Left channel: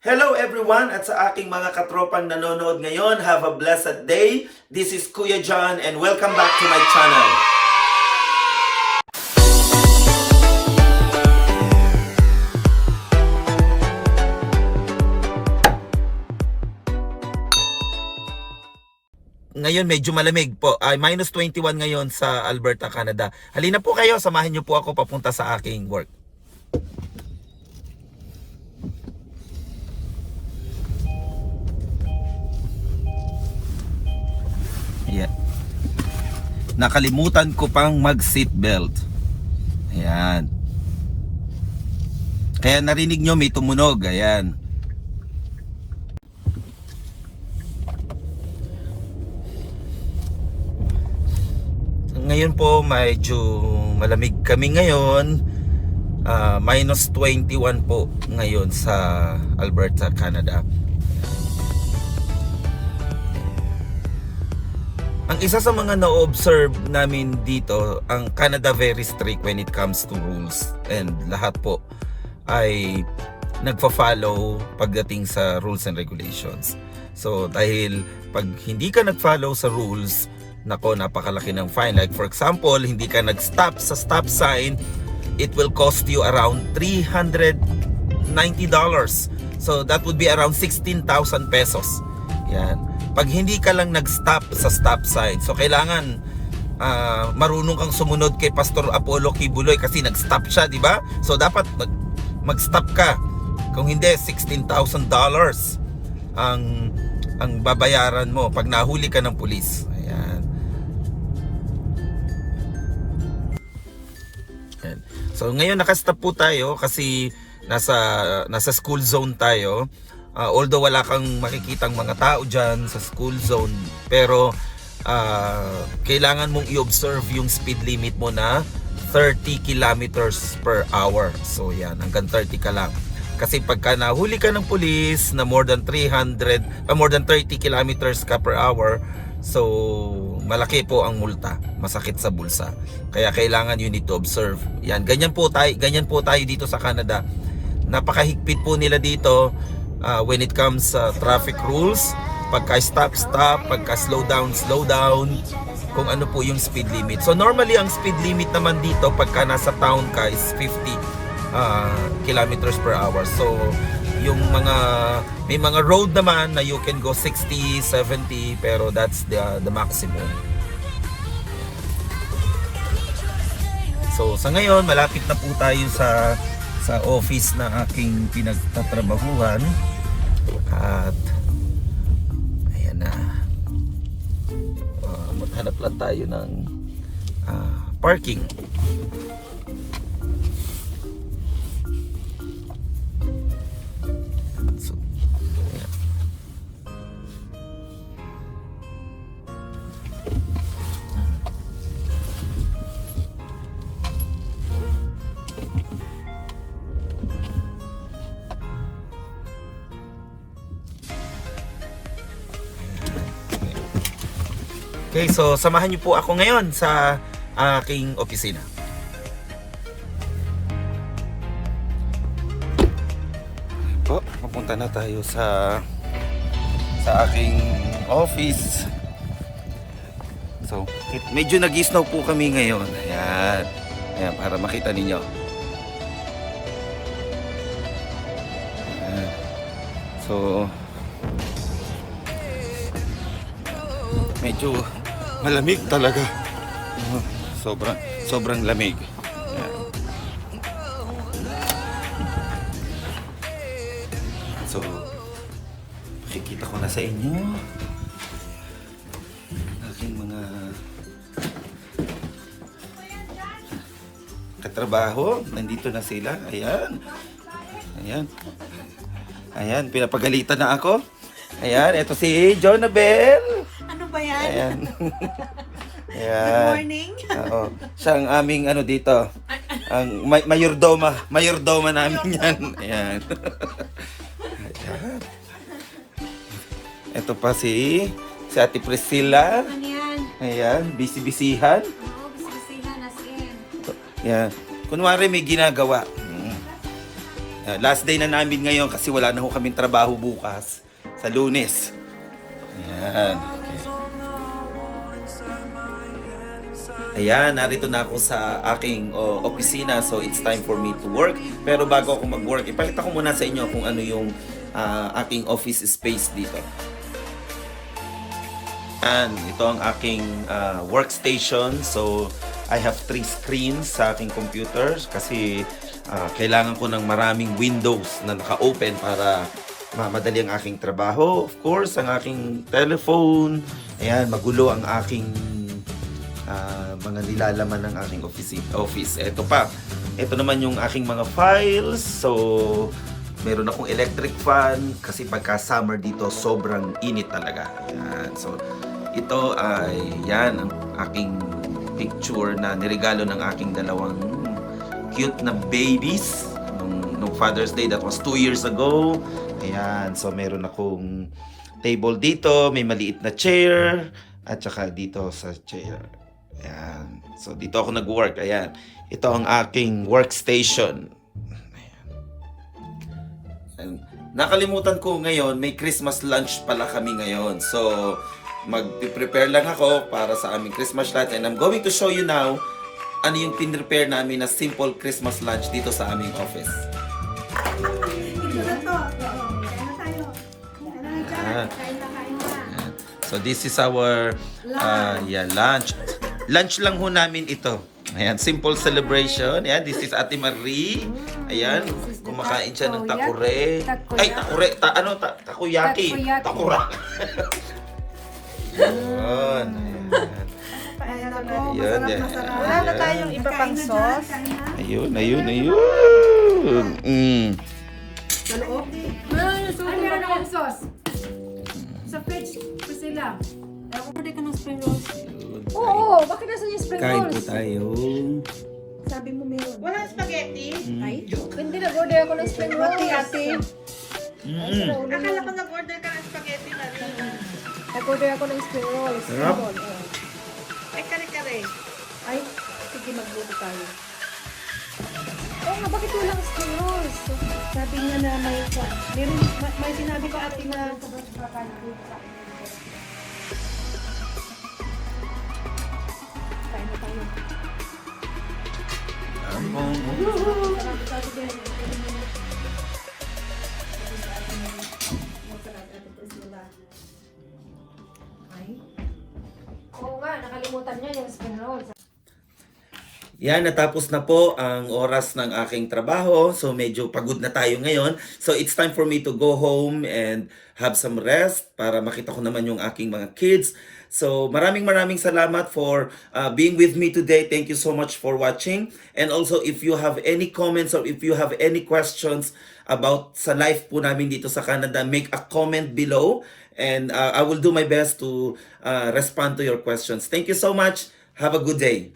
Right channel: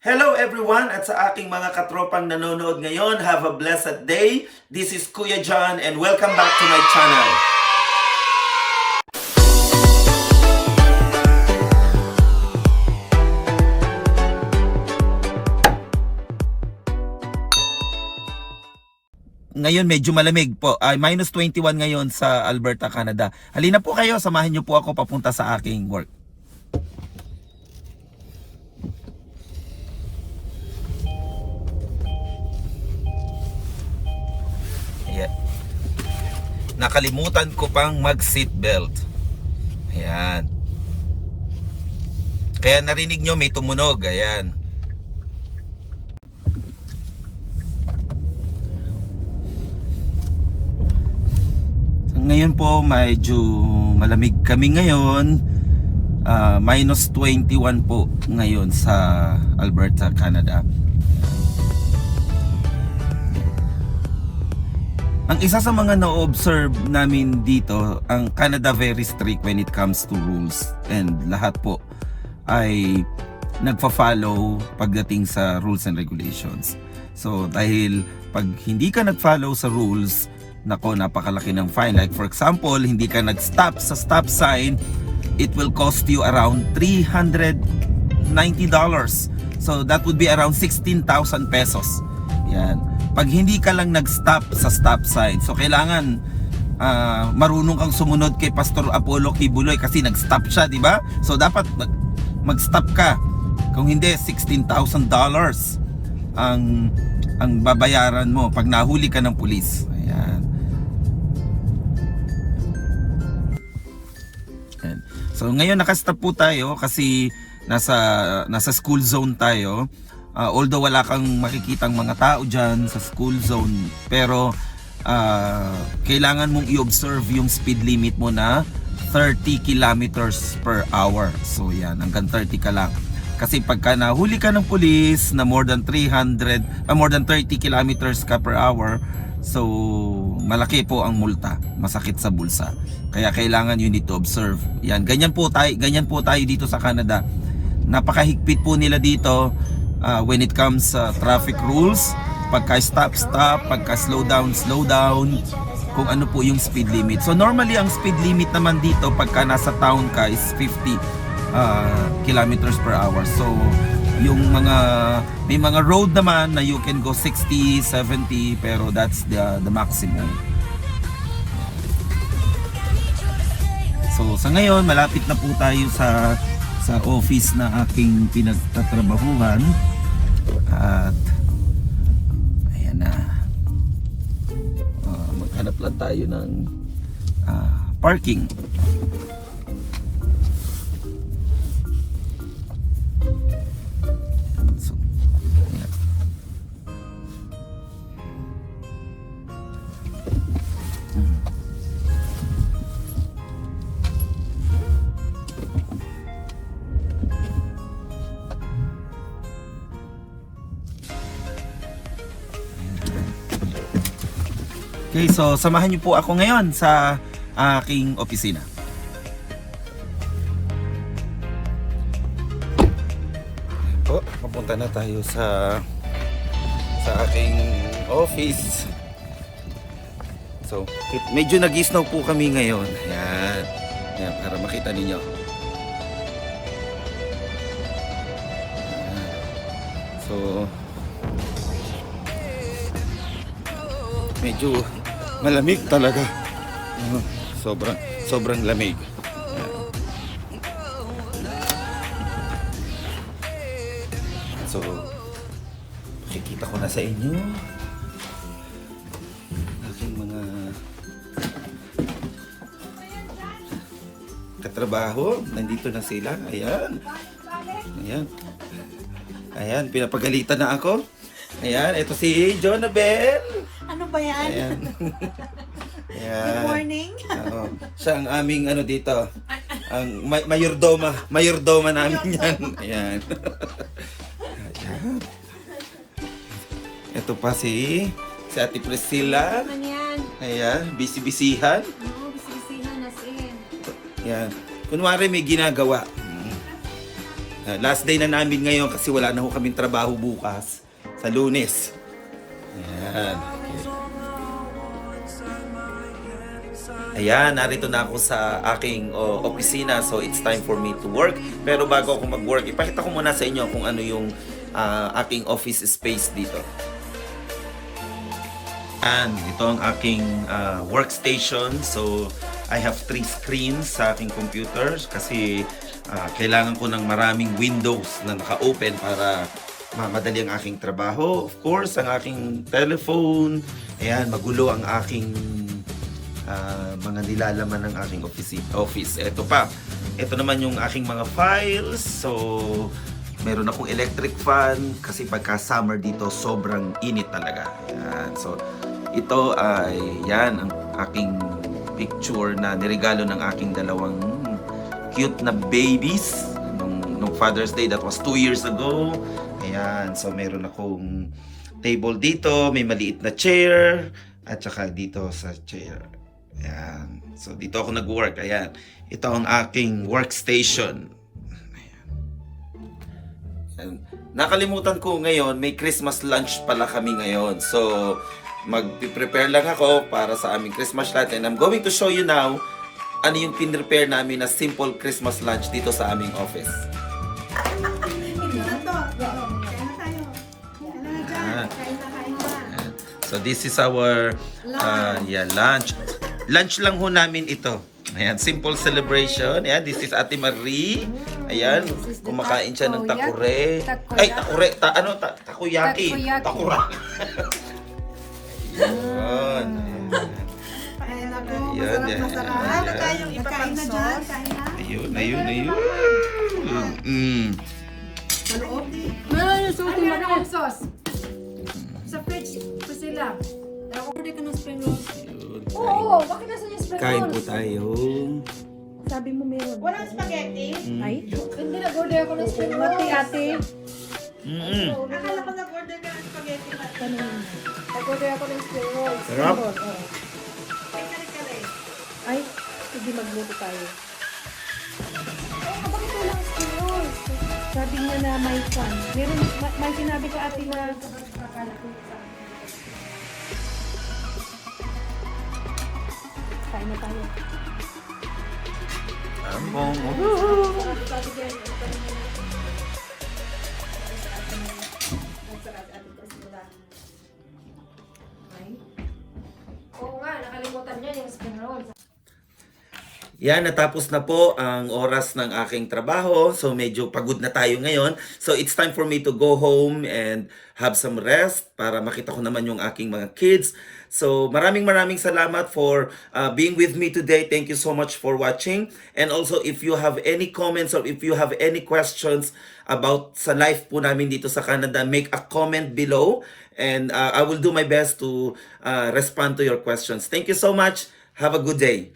Hello everyone at sa aking mga katropang nanonood ngayon, have a blessed day. This is Kuya John and welcome back to my channel. Ngayon medyo malamig po, ay minus 21 ngayon sa Alberta, Canada. Halina po kayo, samahan niyo po ako papunta sa aking work. Yeah. Nakalimutan ko pang mag seatbelt. Ayan. Kaya narinig nyo may tumunog. Ayan. Ngayon po medyo malamig kami ngayon. Minus 21 po ngayon sa Alberta, Canada. Ang isa sa mga na-observe namin dito, ang Canada very strict when it comes to rules, and lahat po ay nagfa-follow pagdating sa rules and regulations. So dahil pag hindi ka nag-follow sa rules, nako, napakalaki ng fine. Like for example, hindi ka nag-stop sa stop sign, it will cost you around $390. So that would be around 16,000 pesos. Yan. Pag hindi ka lang nag-stop sa stop sign, so kailangan marunong kang sumunod kay Pastor Apollo Kibuloy kasi nag-stop siya, di ba? So dapat mag-stop ka. Kung hindi, $16,000 ang babayaran mo pag nahuli ka ng pulis. Ayan. Ayan. So ngayon naka-stop po tayo kasi nasa school zone tayo. Although wala kang makikitang mga tao dyan sa school zone, pero kailangan mong i-observe yung speed limit mo na 30 kilometers per hour. So yan, hanggang 30 ka lang. Kasi pagka nahuli ka ng police na more than 30 kilometers ka per hour, so malaki po ang multa, masakit sa bulsa. Kaya kailangan you need to observe. Yan, ganyan po tayo dito sa Canada. Napakahigpit po nila dito. When it comes sa traffic rules, pagka stop, pagka slow down, kung ano po yung speed limit. So normally ang speed limit naman dito pagka nasa town ka is 50 kilometers per hour. So yung may mga road naman na you can go 60, 70, pero that's the maximum. So sa ngayon malapit na po tayo sa office na aking pinagtatrabahuhan, at ayan na, maghanap lang tayo ng parking. So, ayan. Okay, so samahan niyo po ako ngayon sa aking opisina. Po, papunta na tayo sa aking office. So, medyo nag-snow po kami ngayon. Ayan. Ayan, para makita ninyo. Ayan. So, medyo malamig talaga. Sobrang lamig. So, makikita ko na sa inyo aking mga katrabaho. Nandito na sila. Ayan. Ayan, pinapagalitan na ako. Ayan, ito si Jonabel. Ano ba yan? Ayan. Ayan. Good morning. Oo. Siya ang aming dito. Ang mayordoma namin yan. Ayan. Ayan. Ito pa si Ate Priscilla. Ano yan? Ayan, busy-busyhan. Oo, bisibisihan as in. Ayan. Kunwari may ginagawa. Last day na namin ngayon kasi wala na ho kaming trabaho bukas sa Lunes. Ayan. Ayan, narito na ako sa aking opisina, so it's time for me to work. Pero bago ako mag-work, ipakita ko muna sa inyo kung ano yung aking office space dito. And ito ang aking workstation. So I have 3 screens sa aking computer kasi kailangan ko ng maraming windows na naka-open para madali ang aking trabaho. Of course, ang aking telephone. Ayan, magulo ang aking mga nilalaman ng aking office. Ito pa. Ito naman yung aking mga files. So, meron akong electric fan kasi pagka summer dito, sobrang init talaga. Ayan. So, ito ay yan ang aking picture na niregalo ng aking dalawang cute na babies nung Father's Day. That was 2 years ago. Ayan. So, meron akong table dito. May maliit na chair. At saka dito sa chair. Ayan. So, dito ako nag-work. Ayan. Ito ang aking workstation. Ayan. Nakalimutan ko ngayon, may Christmas lunch pala kami ngayon. So, mag-prepare lang ako para sa aming Christmas lunch. And I'm going to show you now ano yung pinrepare namin na simple Christmas lunch dito sa aming office. Ito na to. Kain na tayo. Kain na dyan. Kain na. So this is our lunch. Lunch lang ho namin ito. Ayan, simple celebration. Ayan, this is Ate Marie. Ayan, kumakain siya ng takure. Ay, takure. Takoyaki. Takura. Ayan. Kain ako. Ayun, Masarap. ayan. Ano tayo? Kain na dyan. Kain na. Ayun. Sa loob. Ano yan akong sauce? Sa fridge pa sila. Ako pa dito ng spring rolls. Oo, bakit nasa yung spring Kain po rolls? tayo. Sabi mo meron. Walang spaghetti? Ay, hindi na-order ako ng spring rolls. Ate. Akala ko nag-order ka ng spaghetti natin. Nag-order ako ng spring rolls. Sarap. Ay, kare-kare. Ay, sige magluto tayo. Bakit walang spring rolls? Sabi niya na may fan. May sinabi si ate na Oo nga, nakalimutan niya yung spring rolls. Yan, natapos na po ang oras ng aking trabaho. So medyo pagod na tayo ngayon. So it's time for me to go home and have some rest para makita ko naman yung aking mga kids. So maraming salamat for being with me today. Thank you so much for watching. And also if you have any comments or if you have any questions about sa life po namin dito sa Canada, make a comment below. And I will do my best to respond to your questions. Thank you so much. Have a good day.